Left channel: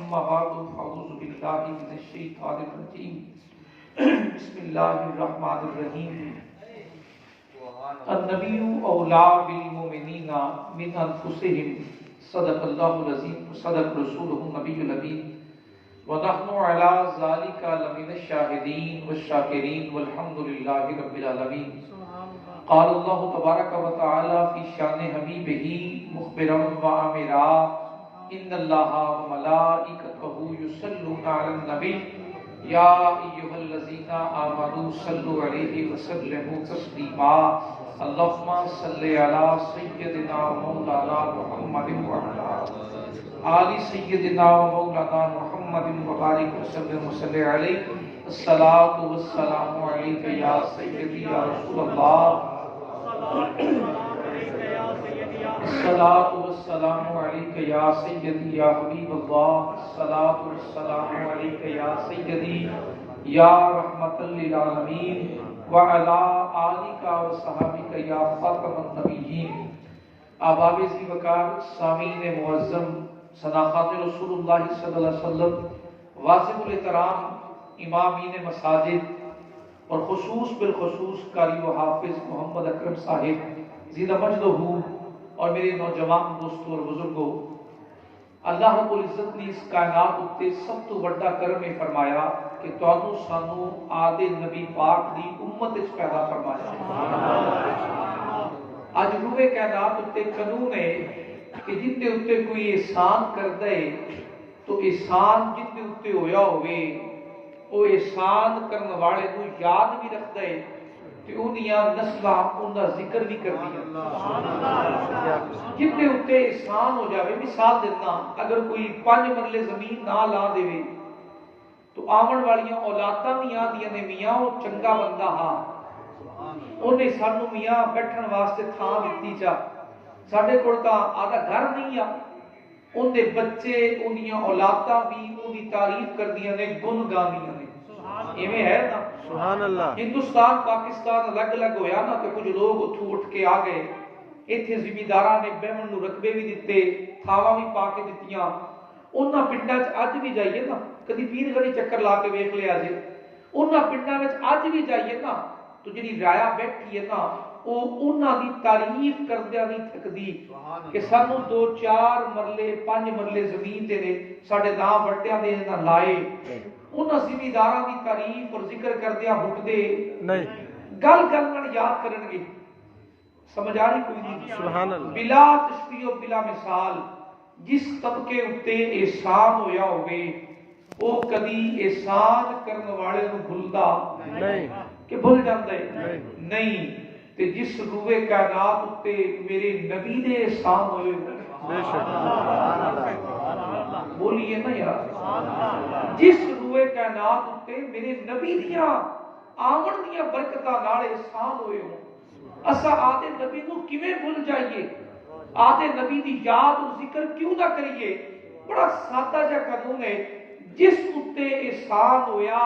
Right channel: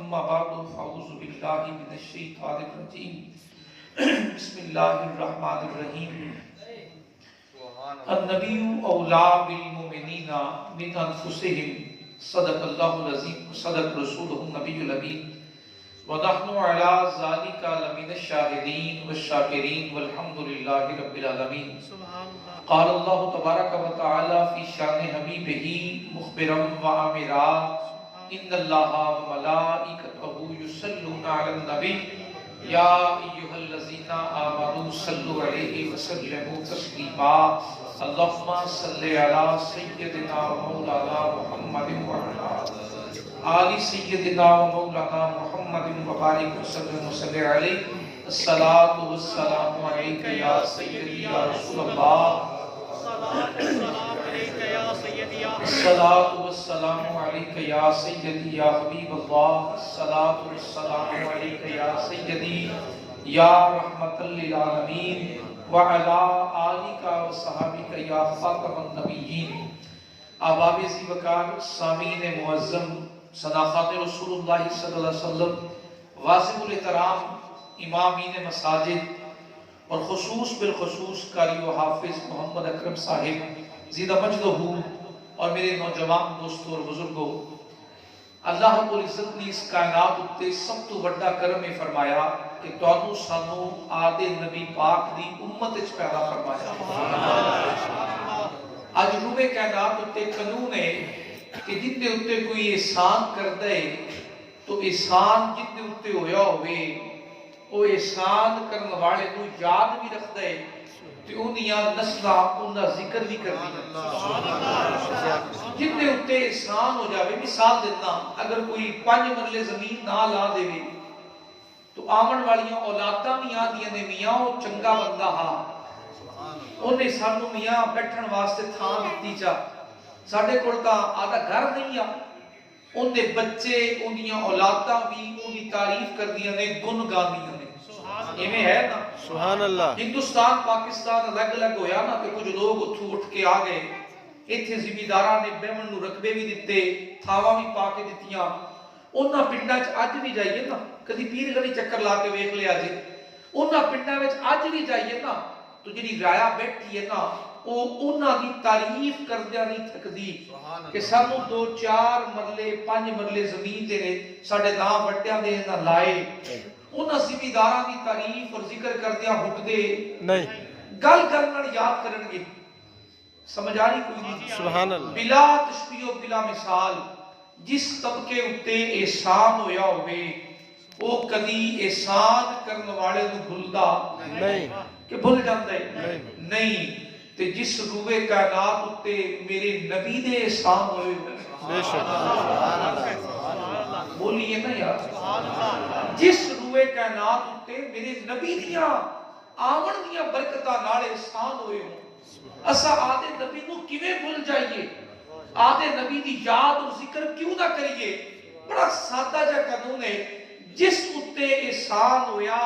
اما بعد فاعوذ باللہ من الشیطان الرجیم بسم اللہ الرحمن الرحیم النبی اولا بالمؤمنین من انفسهم صدق اللہ العظیم صدق رسولہ النبی الامین ونحن علی ذلک لمن الشاہدین والشاکرین والحمد للہ رب العالمین قال اللہ تبارک و تعالی فی شان حبیبہ مخبرا وآمرا ان اللہ وملائکتہ یصلون علی النبی یا ایھا الذین آمنوا صلوا علیہ وسلموا تسلیما اللہم صلی علی سیدنا و مولانا محمد وعلی آل سیدنا و مولانا محمد وبارک وسلم وصلی علیہ الصلاۃ والسلام علیک یا سیدی یا رسول اللہ الصلاۃ والسلام علیک یا سیدی یا حبیب اللہ الصلاۃ والسلام علیک یا سیدی یا رحمت للعالمین وعلی آلک وصحابک یا خاتم النبیین احباب ذی وقار سامعین معظم صداقات رسول اللہ صلی اللہ علیہ وسلم واصف الاحترام امامین مساجد اور خصوص بالخصوص قاری و حافظ محمد اکرم صاحب زیدہ مجدہ اور میرے نوجوان دوستوں اور بزرگوں، اللہ رب العزت نے اس کائنات اتے سب تو بڑا کرم فرمایا کہ تانوں سانوں آدے نبی پاک دی امت وچ پیدا فرمایا۔ اج روئے کائنات اتے قانون ہے کہ جن دے اتے کوئی احسان کردا ہے تو احسان جن دے اتے ہویا ہوئے وہ احسان کرنے والے کو یاد بھی رکھدا ہے تے اونیاں نسلاں انہاں ذکر بھی کردی جن دے اتے احسان ہو جاوے۔ مثال دینا، اگر کوئی 5 مرلے زمین نہ لا دے تو آمن والیاں اولاداں بھی آندیاں نے میاں وہ چنگا بندہ ہا انہیں سانو میاں بیٹھن واسطے تھاں دتی چا ساڈے کول تاں آدھا گھر نہیں آ ان دے بچے انہیاں اولاداں بھی انہی تعریف کردیاں نے گن گاندیاں نے ایویں ہے نا سبحان اللہ۔ ہندوستان پاکستان الگ الگ ہویا نا کہ کچھ لوگ اتھوں اٹھ کے آ گئے ایتھے زمینداراں نے بیمن نو رقبے بھی دتے تھاواں بھی پا کے دتیاں انہاں پنڈاں وچ اج بھی جائیے نا کدی پیر گلی چکر لا کے ویکھ لیا جے انہاں پنڈاں وچ اج بھی جائیے نا تو جڑی رایا بیٹھی ہے نا او انہاں دی تعریف کردیاں نہیں تھکدی کہ سانو 2-4 مرلے 5 مرلے زمین دے نے ساڈے نام وٹیاں دے نہ لائے انہاں زمینداراں دی تعریف اور ذکر کردیاں ہٹدے نہیں گل گل نال یاد کرن گے۔ سمجھ آ رہی کوئی نہیں؟ سبحان اللہ۔ بلا تشبیہ و بلا مثال جس طبقے اتے احسان ہویا ہوئے وہ کدی احسان کرنے والے نو بھلدا نہیں کہ بھول جاندا ہے نہیں تے جس روئے کائنات اتے میرے نبی دے احسان ہوئے بے شک بولیے نا یار جس روئے کائنات اتے میرے نبی دیاں آمن دیاں برکتاں نال احسان ہوئے ہوں اسا آدھے نبی نو کیویں بھول جائیے آدھے نبی دی یاد اور ذکر کیوں نہ کریے۔ بڑا سادہ جا قانون ہے جس اتے احسان ہویا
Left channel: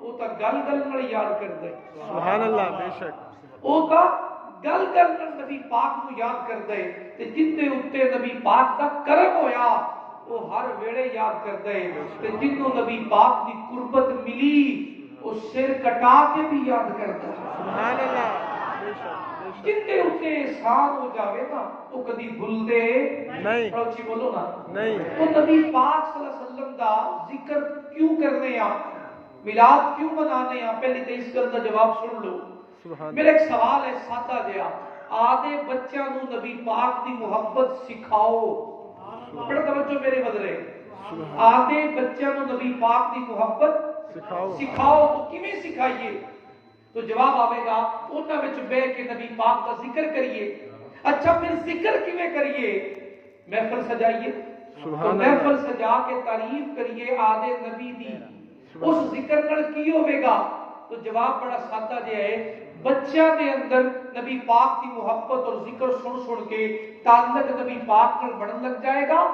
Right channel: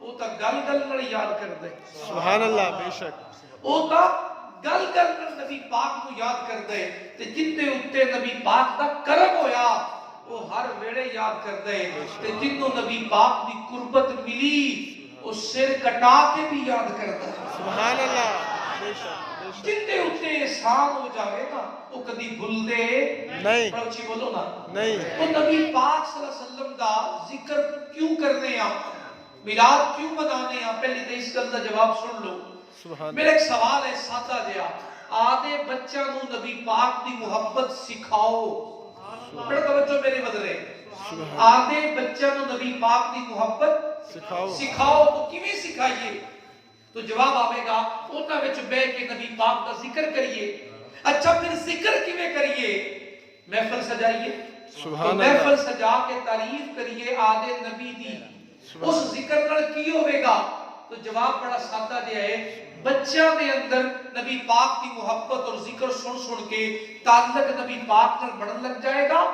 وہ تا گل گل نال یاد کردا ہے سبحان اللہ بے شک وہ تا گل گل نال نبی پاک نو یاد کردا ہے تے جن دے اتے نبی پاک دا کرم ہویا وہ ہر ویلے یاد کردا ہے تے جنوں نبی پاک دی قربت ملی وہ سر کٹا کے بھی یاد کردا ہے سبحان اللہ بے شک جن دے اتے احسان ہو جاوے نا وہ کدی بھول دے نہیں پڑوچی بولو نا نہیں وہ نبی پاک صلی اللہ علیہ وسلم دا ذکر کیوں کرنے ہیں میلاد کیوں منانے ہیں پہلے تے اس گل دا جواب سن لو۔ میرا ایک سوال ہے سادہ جہا آدھے بچیاں نو نبی پاک دی محبت سکھاؤ بڑا توجہ میرے بدلے آدھے بچیاں نو نبی پاک دی محبت سکھاؤ تو کیویں سکھائیے تو جواب آوے گا انہاں وچ بیٹھ کے نبی پاک دا ذکر کریے۔ اچھا پھر ذکر کیویں کریے؟ محفل سجائیے تو محفل سجا کے تعریف کریے آدھے نبی دی اس ذکر نال کی ہوے گا تو جواب بڑا سادہ جہا ہے بچیاں دے اندر نبی پاک دی محبت اور ذکر سن سن کے تعلق نبی پاک نال بڑھن لگ جائے گا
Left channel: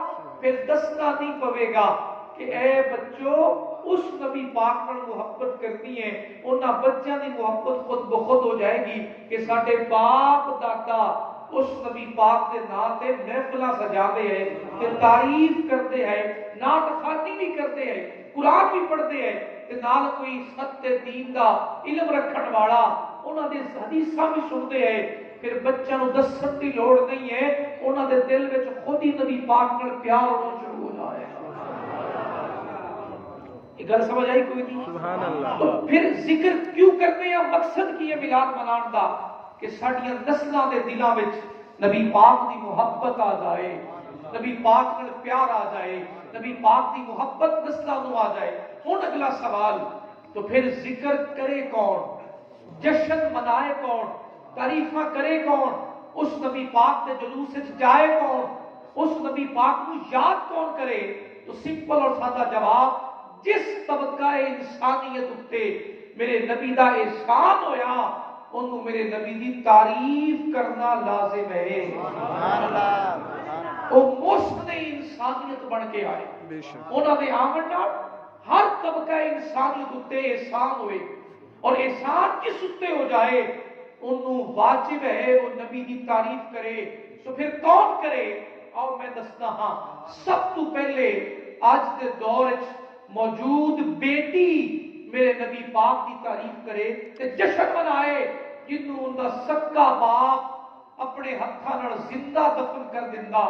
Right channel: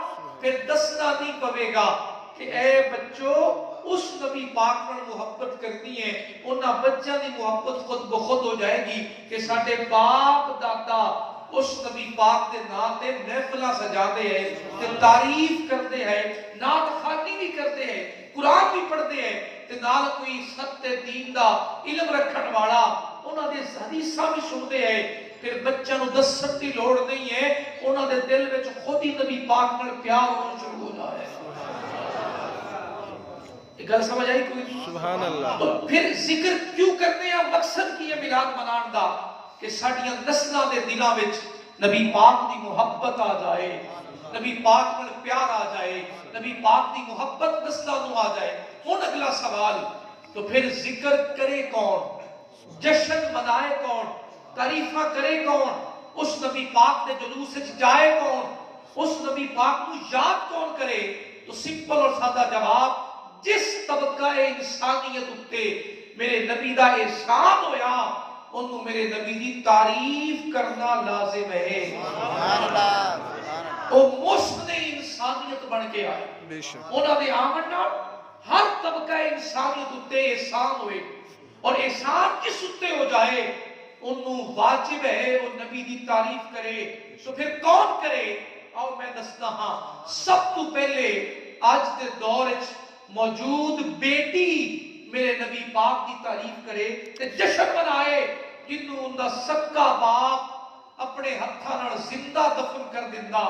پھر دسنا نہیں پوے گا کہ اے بچوں اس نبی پاک پر محبت کرنی ہے انہاں بچیاں دی محبت خود بخود ہو جائے گی کہ ساڈے باپ دادا اس نبی پاک دے نام تے محفلاں سجا دے ہیں تے تعریف کردے ہیں، نعت خوانی بھی کردے ہیں، قرآن بھی پڑھدے ہیں تے نال کوئی ستے دین دا علم رکھن والا انہاں دے حدیثاں بھی سنتے ہیں، پھر بچوں نوں دسن دی لوڑ نہیں ہے، انہاں دے دل وچ خود ہی نبی پاک نال پیار ہونا شروع ہو جائے۔ ایک گل سمجھ آئی کوئی نہیں؟ سبحان اللہ۔ تو پھر ذکر کیوں کرنے ہیں؟ مقصد کی ہے میلاد منان دا کہ ساڈیاں نسلاں دے دلاں وچ نبی پاک دی محبت آ جائے، نبی پاک نال پیار آ جائے، نبی پاک دی محبت نسلاں نوں آ جائے۔ ہن اگلا سوال، تو پھر ذکر کرے کون، جشن منائے کون، تعریفاں کرے کون، اس نبی پاک دے جلوس وچ جائے کون، اس نبی پاک نوں یاد کون کرے؟ تو سمپل اور سادہ جواب، جس طبقہ انسانیت اتے میرے نبی دا احسان ہویا انہوں میرے نبی دی تعریف کرنا لازم ہے۔ سبحان اللہ۔ وہ محسن انسانیت بن کے آئے، انہوں نے آمن نال ہر طبقہ انسانیت اتے احسان ہوئے، اور احسان کس اتے ہو جائے انہوں واجب ہے وہ نبی دی تعریف کرے۔ تو پھر کون کرے؟ اور میں دسنا ہاں، سب تو پہلے آج دے دور موجود بیٹی میرے نبی پاک دی تعریف کرے تے جشن منائے، جنوں ان دا سکا باپ اپنے ہتھاں نال زندہ دفن کر دیندا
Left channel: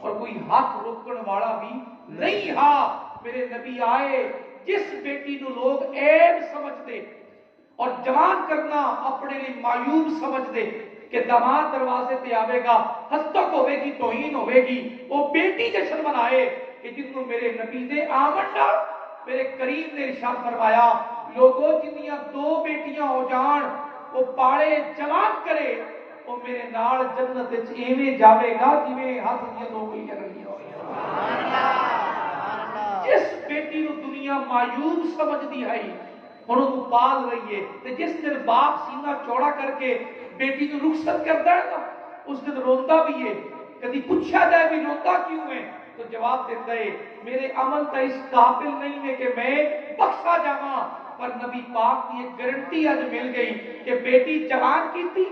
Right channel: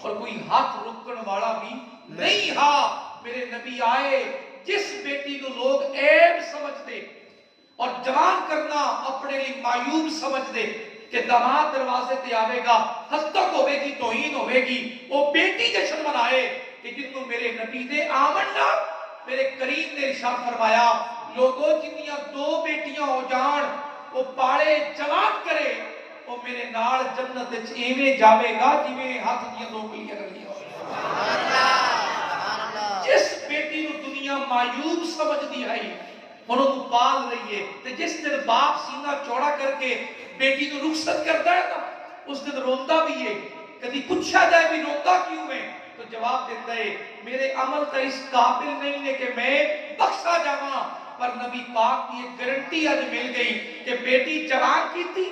اور کوئی ہاتھ روکن والا بھی نہیں ہا۔ میرے نبی آئے، جس بیٹی نو لوگ عیب سمجھتے اور جوان کرنا اپنے لیے معیوب سمجھتے کہ داماد دروازے تے آوے گا ہستک ہوے گی توہین ہوے گی، وہ بیٹی جشن منائے کہ جنوں میرے نبی دے آمن نال میرے کریم نے ارشاد فرمایا، لوگوں جنیاں دو بیٹیاں ہو جان وہ پاڑے جوان کرے وہ میرے نال جنت وچ ایویں جاوے گا جویں ہاتھ دیاں دو انگلیاں رلیاں ہو۔ جس بیٹی نو دنیا معیوب سمجھدی ہے انہوں پال رہی ہے، تے جس دن باپ سینہ چوڑا کر کے بیٹی نو رخصت کرتا ہے نا اس دن روندا بھی ہے، کبھی پوچھا جائے بھی روندا کیوں ہے تو جواب دیتا ہے میرے عمل تا اس قابل نہیں ہے کہ میں بخشا جاواں، پر نبی پاک کی ایک گارنٹی آج مل گئی کہ بیٹی جوان کی تھی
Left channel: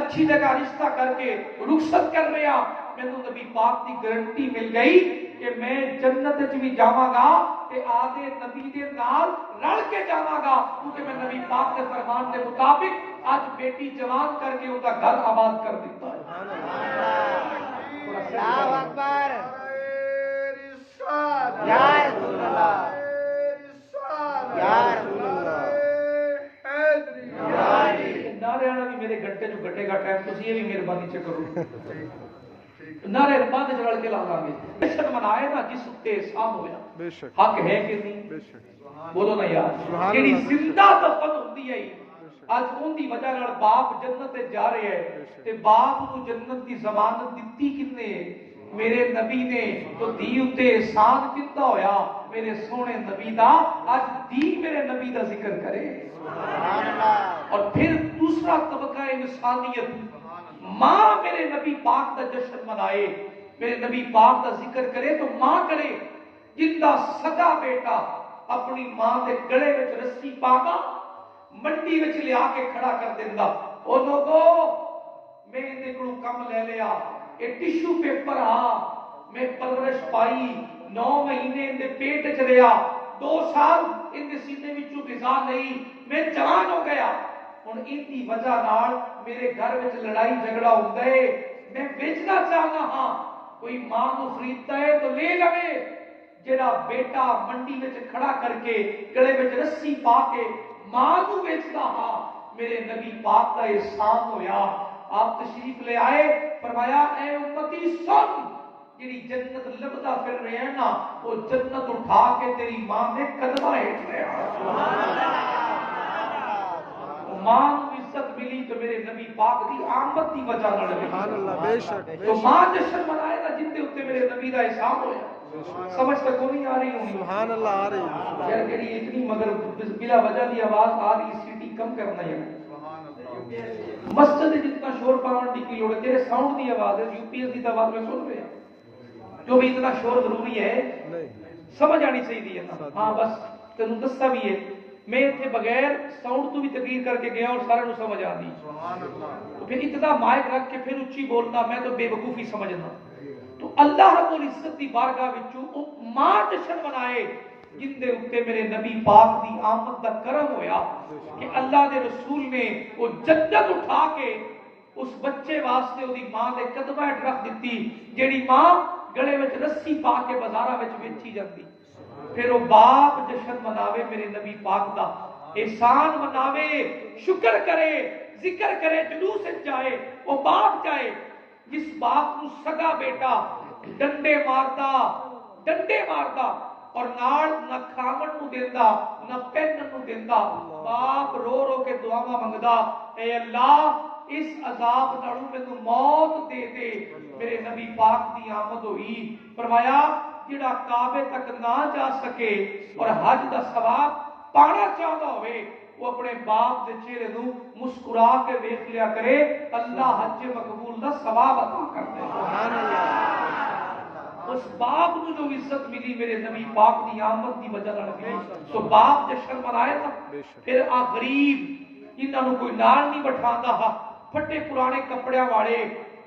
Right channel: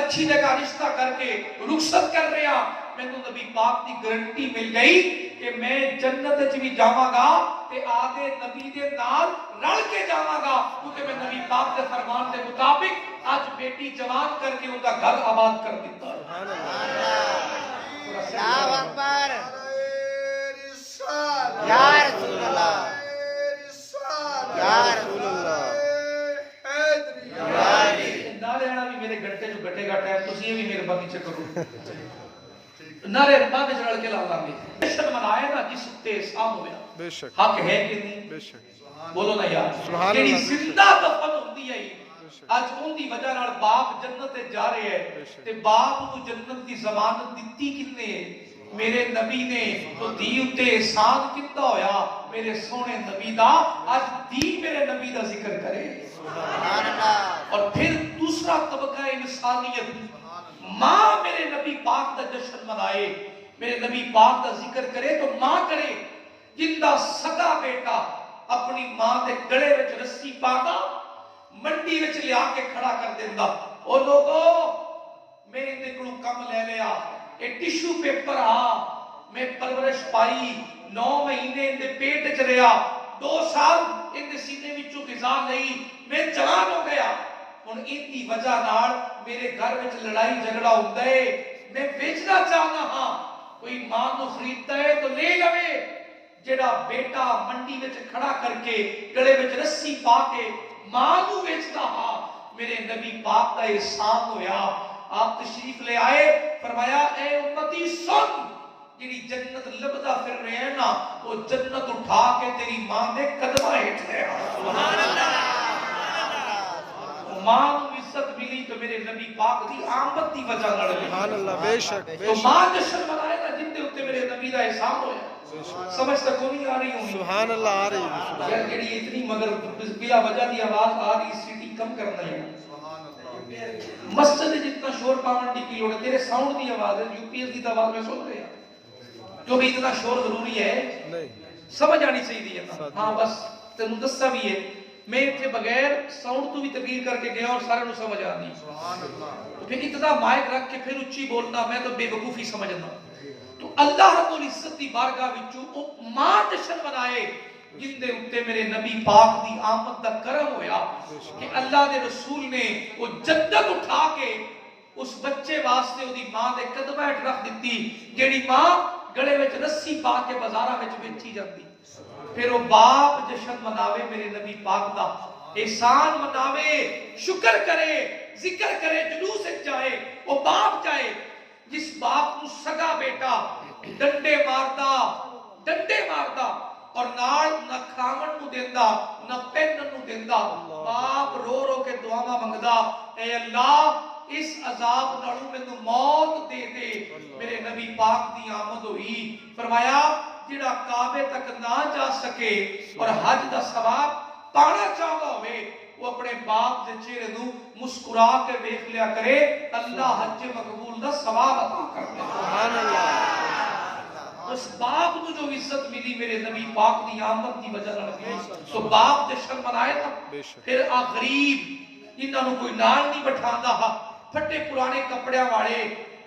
اچھی جگہ رشتہ کر کے رخصت کر رہا، میں تو نبی پاک کی گارنٹی مل گئی کہ میں جنت وچ بھی جاواں گا تے آدھے نبی دے نال رل کے جاواں گا، کیونکہ میں نبی پاک کے فرمان کے مطابق آج بیٹی جوان کر کے ان کا گھر آباد کر دیتا ہے۔ اللہ اکبر، یا رسول اللہ، یا رسول اللہ، نعرے والا بھی میرے گھنٹے جو گھٹے گا ٹائم تسی یہ بھی مہربانی سے کرو، نعرے بعد وچ رل کے لا لاں گے۔ جشن منائے نا جس تے احسان ہویا، حق ہے کہ نہیں؟ بولو نا یار، جڑی زندہ دفن ہوندی ہے اج اون دی وجہ نال باپ جنت تے جا رہے ہے تے باپ نو جنت دی ضمانت دتی کنے ہے؟ میرے نبی نے۔ تو دی اتے احسان کتا ہویا میرے سونے نبی دا، آج دی میرے نبی دا ذکر کرے۔ سبحان اللہ۔ اور پھر دوسرا طبقہ انسانیت، ماں میرے نبی پاک دا جشن منائے، میرے نبی پاک دا ذکر کرے تو ماں کرے، جن دا سگا بیٹا اپنی ماں دے گلے وچ رسی پا گا منڈی وچ لیا کے کھڑا کر دیندا، او لوگو میں نے کلو کم لے لیا، اے ٹیشو پیپر میں پرورش پائی، 9 مہینے ان دے پیٹ وچ رہیا، 2 سال ان دے سینے وچوں غذا لئی، میں جوان ہو گیا، ہن ان دی وجہ نال میرے گھر وچ لڑائی جھگڑا ہوندا ہے، میں بیچنا چاہنا ہاں، کوئی ماں نو خریدتا ہے تو لے لوے، جڑا بیٹا منڈی وچ کھڑا کر کے گلے وچ رسی پا کے ماں نو بیچدا ہاں، میرے نبی پاک دا احسان ہویا۔ آپ تشریف لے آئے، فرمایا اے امتی سن، جڑی جنت لبدا پھر رہے ہیں نا وہ جنت اٹھا کے تیری ماں دے قدماں ہیٹھ لے آ۔ ماں نو عزت ملی تو میرے نبی پاک دی آمد دی وجہ نال ملی، تو ماں جشن منائے نا جن دے اوتے میرے نبی دا احسان ہویا۔ سمجھ تک کو نہیں آ رہی ہوں؟ سبحان اللہ آ رہی ہے جڑی اتنی مگر بلا وجہ دی آواز آ رہی، سیٹی کم کرنا ہے۔ مسجد جتنا شور پاون دی کی لوڑ ہے، تیرے ساؤنڈ دی آواز ہے، یو پی ایس دی آواز میں سن رہا جو بھی اتنا شور ضروری ہے، سمجھ آنی چاہیے ہے نا؟ ہاں بس تینوں دسا بھی ہے میں اتنے بغیر ساؤنڈ تو بھی تقریر کر کے گیا اور سارے نو سمجھ آ دی تو پھر اتنا مائک رکھ کے پھر اچھی بولنا میں تو بے وقوفی سمجھنا تو اللہ رب العزت دی بارگاہ وچوں او ماں جشن منائے جن دے اوتے میرے نبی پاک دی آمد دا کرم ہویا کہ اللہ دے رسول نے وہ جنت اٹھا کے اس بچے واسطے وہ دی ماں دے قدمہ ہٹ رکھ دیتی جیڑی ماں گلے وچ رسی پا کے بازاراں وچ بیچی جاندی پھر وہ باپ جشن مناوے میرے نبی پاک دا احسان مناوے شکر کرے ذکر کرے جلوس جائے وہ باپ جائے جس باپ نو سگا بیٹا ڈنڈے ماردا اور نال نہ کھاون نو دیندا نہ پہنن نو دیندا باپ رو رو کے دعاواں منگدا اے اللہ اس عذاب نالوں مینوں موت دے دے میرے نبی پاک دی آمد ہوئی فرمایا جڑا کعبے تک نہ جا سکے اور حج دا ثواب پانا چاہتا ہوئے وہ اپنے باپ دے چہرے نو مسکرا کے ویکھ لیا کرے اللہ حج مقبول دا ثواب عطا کر دے سبحان اللہ اس باپ نو جو عزت ملی میرے نبی پاک دی آمد دی وجہ نال ملی تو باپ جشن منائے نا پھر آ غریب انہاں نو کوئی نال نہیں بٹھاندا پھٹے پرانے کپڑیاں والے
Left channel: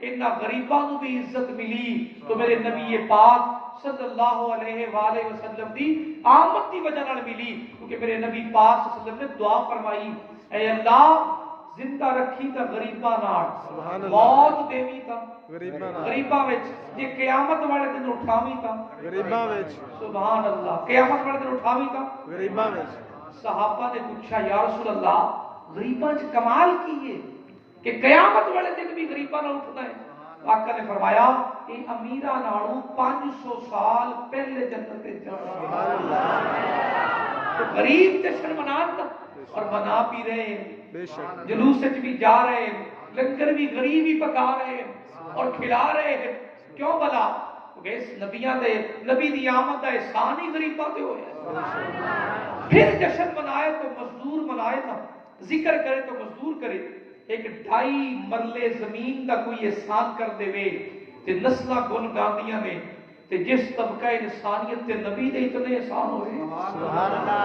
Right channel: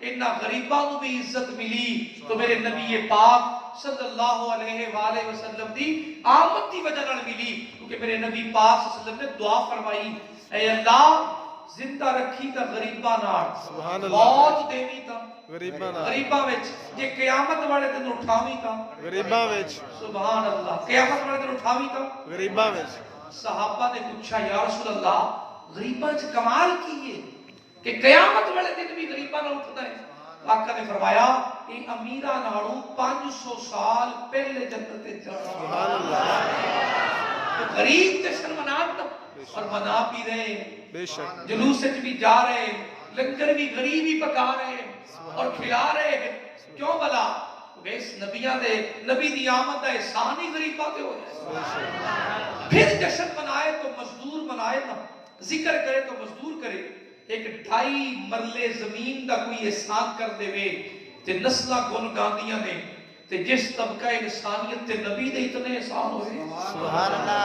انہاں غریباں نو بھی عزت ملی تو میرے نبی پاک صلی اللہ علیہ وآلہ وسلم دی آمد دی وجہ نال ملی کیونکہ میرے نبی پاک صلی اللہ علیہ وسلم نے دعا فرمائی اے اللہ زندہ رکھی تا غریباں نال موت دیوی تا غریباں وچ جے قیامت والے دن اٹھاویں تا غریباں وچ سبحان اللہ قیامت والے دن اٹھاویں تا غریباں وچ صحابہ نے پوچھا یا رسول اللہ غریباں وچ کمال کی ہے کہ قیامت والے دن بھی غریباں نال اٹھدا ہے آقا نے فرمایا کہ امیرہ نالوں 500 سال پہلے جنت تے جانا سبحان اللہ تو غریب جشن مناتا اور منا بھی رہے بے شک جلوس وچ بھی جا رہے لنگر بھی غریب ہی پکا رہے اور کھلا رہے کیوں بلا کیونکہ اس نبی دی آمد دا احسان ہی غریباں تے ہویا پھر جشن منائے تو مزدور منائے نا ذکر کرے تو مزدور کرے ایک 2.5 مرلے زمین دا کوئی احسان کر دے وے تے نسلہ گن گاندیاں نے تے جس طبقہ انسانیت تے نبی دے اتنے احسان ہوئے سبحان اللہ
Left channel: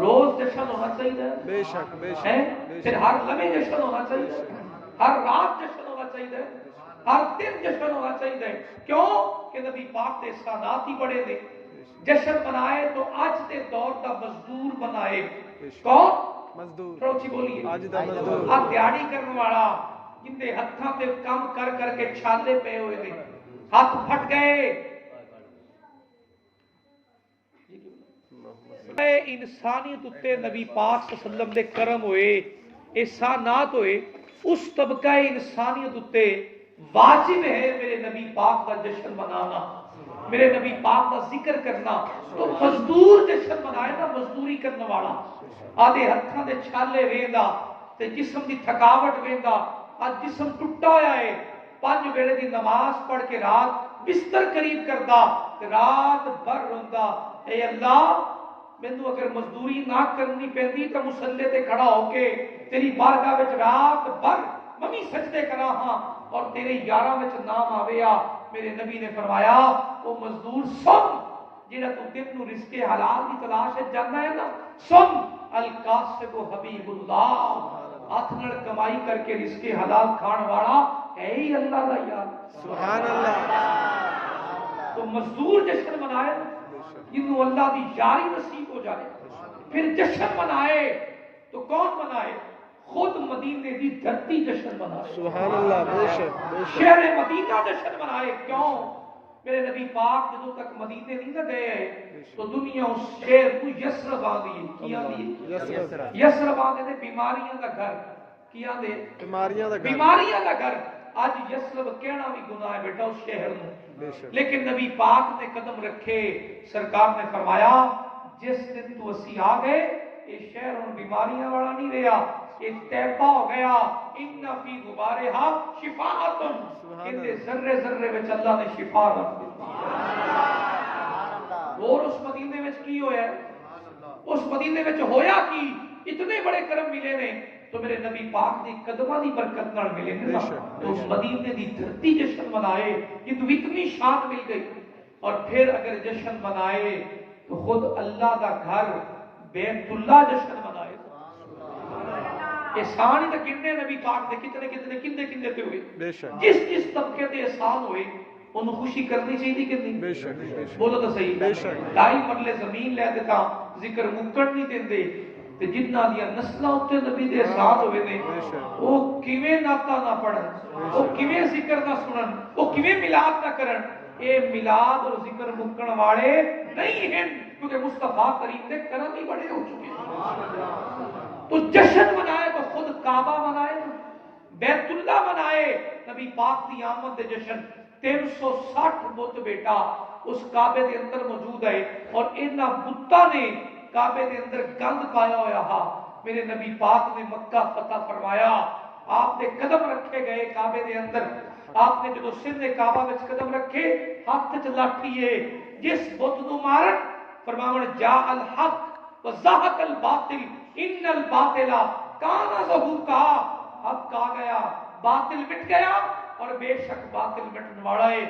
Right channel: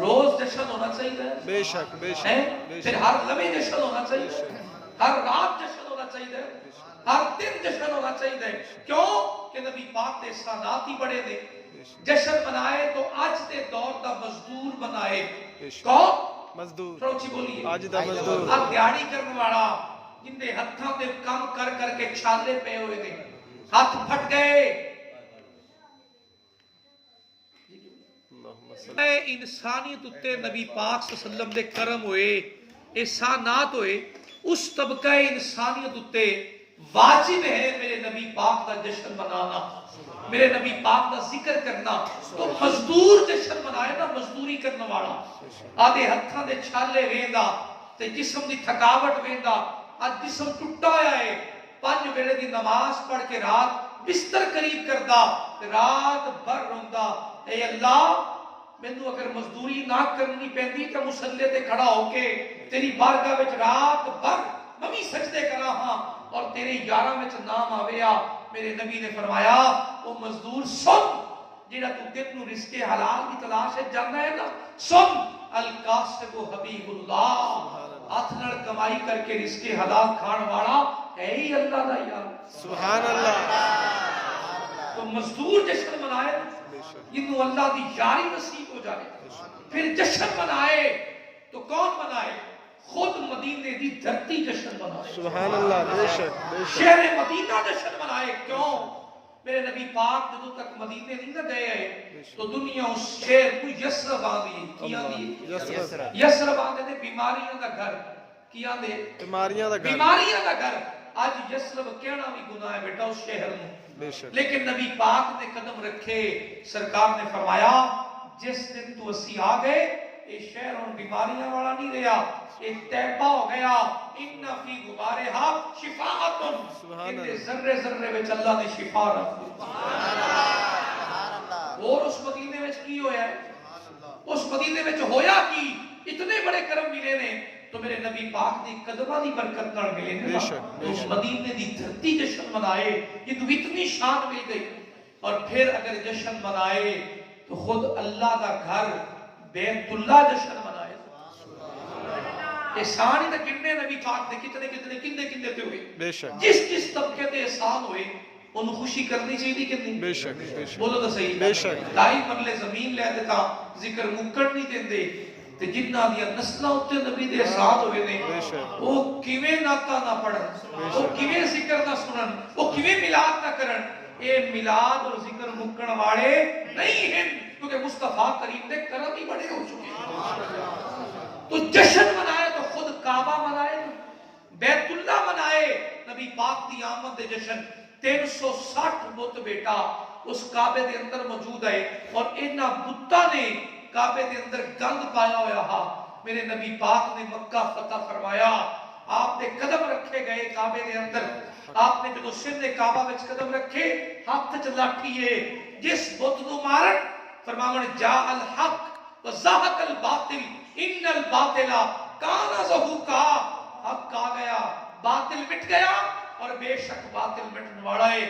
روز جشن ہونا چاہیے بے شک بے شک پھر ہر لمحے جشن ہونا چاہیے ہر رات جشن ہونا چاہیے ہر دن جشن ہونا چاہیے کیوں کہ نبی پاک دے احسانات ہی بڑے نے جشن منائے تو آج دے دور دا مزدور منائے کون مزدور تھوڑا اچھی بولیے آج دا مزدور آج دیاڑی کرنے والا جن دے ہتھاں دے کام کر کر کے چھالے پہ ہوئے دے ہاتھ پھٹ گئے انسانیت اتے نبی پاک صلی اللہ علیہ وسلم دے کرم ہوئے احسانات ہوئے اس طبقہ انسانیت اتے واجب ہے میرے نبی پاک دا جشن منانا میرے نبی پاک دا ذکر کرنا تو مزدور جشن منائے نا مزدوری کرنے والا آدھے ہتھاں دے چھالے ویندا تے جسم دی تھکاوٹ ویندا آج جسم ٹوٹا ہویا ہے 5 ویلے دی نماز پڑھ کے رات بستر قریب کردا تے رات بھر روندا اے اللہ مینوں اگر مزدوری نہ کرنی پیندی تے مصلی تے کھڑا ہو کے تیری بارگاہ وچ رات بھر ممی سجدے کراں ہاں اور تیرے یاراں وچ نام آویا میرے نبی نے فرمایا وہ مزدور سن جیڑا تو دن نو رزق حلال کی تلاش ہے جاننا ہے نا سن القاسب حبیب اللہ ہاتھ نال کمائی کر کے رزق حلال کھان والا ہے ہی اللہ دا یار سبحان اللہ تو مزدور جشن منائے جنہوں اللہ دی یاری نصیب ہو جائے پھر جشن منائے تو کون منائے خود مدینے دی دھرتی جشن منائے سبحان اللہ بے شک شہر مدینہ جشن منائے کیوں میرے نبی پاک جدوں تک مدینے نہیں نہ گئے تو دنیا اس شہر کو یسرب آندی کیا دی یسرب آندے نے بیماریاں دا گھر کیا دے بیماریاں دا گھر آج یسرب کہنا بھی گناہ ہے بیٹا اس شہر میں لیکن نبی پاک نے قدم رکھے سرکار نے فرمایا جس دن تو اسی آ گئے یہ شہر ان بیماریاں والا نہیں رہا یہ تیبہ ہو گیا ان فی غبارہا شفاعتن ان ذرے ذرے وچ اللہ نے شفا رکھ دی اور اس مدینے وچ کی ہویا ہے اس مدینے وچ ہویا کی اتنے بڑے کرم ملے نے تو میرے نبی پاک دی قدمہ دی برکت نال ملے نے تو اس مدینے دی دھرتی جشن منائے یہ تو اتنی شان مل گئی اور پھر اگر جشن منائے تو خود اللہ دا گھر بیت اللہ جشن منائے. احسان ہی تو گننے نبی پاک دے کتنے کتنے کندے کندے تے ہوئے. جس جس طبقے تے احسان ہوئے انہوں خوشی کرنی چاہیے کہ نہیں؟ بولو تو صحیح. 2.5 مرلے زمین لے دیتا ذکر مکڑ نہیں دیندے تے جنہ دیا نسلوں تے نبی دے احسان ہوئے نے وہ کیویں ناتا نہ پڑھن، وہ کیویں ذکر نہ سنن، وہ کیویں میلاد نہ کرن. اے میلاد اور ذکر مکڑ والے نہیں ہیں کیونکہ مصطفیٰ کریم دے کرم ہی بڑے ہو چکے ہیں. تو جشن منائے تو خود کعبہ منائے، بیت اللہ منائے. نبی پاک دی آمد دے جشن 360 بت بیٹا اس کعبے دے اندر موجود ہے اور انہاں بتاں نے کعبے دے اندر گند پایا ہویا ہا. میرے نبی پاک نے مکہ فتح فرمایا، آپ نے قدم رکھے گئے کعبے دے اندر. آپ نے جو سر نے کعبہ وچ قدم رکھے ہاتھ چ لاٹھی ہے جس بت نو مارن فرماون جاء الحق وزهق الباطل ان الباطل کان زهوقا. حق آ گیا، باطل مٹ گیا اور بے شک باطل مٹن والا ہے.